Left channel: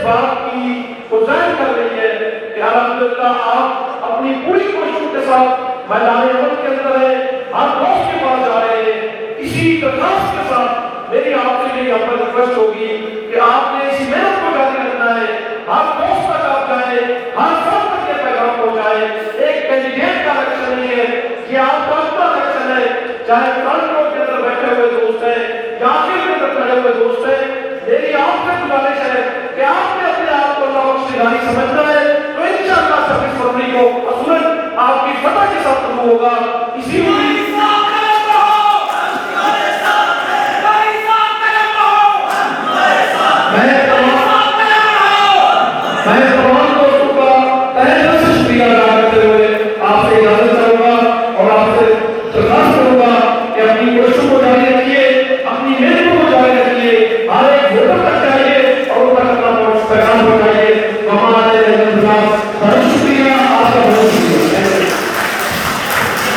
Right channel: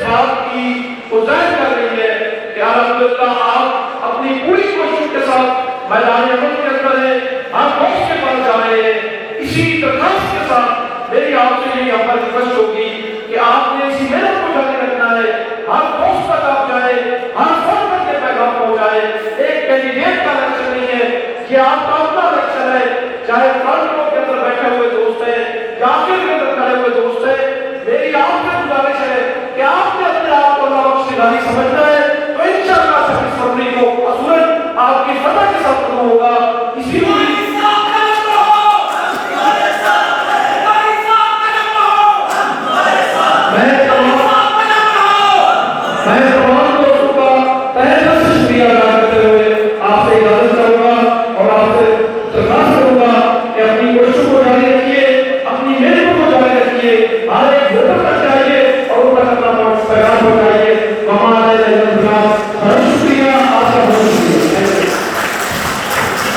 اس بات کی ظاہر کر رہی ہے کہ الحمدللہ آپ اپنی پوری کوشش کے ساتھ میدان عمل کے اندر ہے، آپ دوست کے پاس جا رہے ہیں۔ اسی درخواست کے ساتھ میری آپ سے یہ ہمت ریکویسٹ ہوگی کہ آپ نے اس محنت کو جاری رکھنا ہے، آپ دوست تک آپ جائیں، ہر سال تک کے پیغام پہنچائیں۔ ایک کینڈیڈیٹ کا الیکشن نہیں ہے، یہ آپ کا اپنا الیکشن ہے، چاہے فرنٹ رو کے اندر بیٹھے ہوئے دوست ہیں یا آخر کے اندر کھڑے ہوئے دوست ہیں۔ میری آپ سے گزارش ہے کہ آپ نے اپنے آپ کو اللہ بخش نگاری سمجھنا ہے تو انشاءاللہ 26 فروری کو اصولاً آپ کی فتح کے ساتھ شروع ہوگا۔ اسی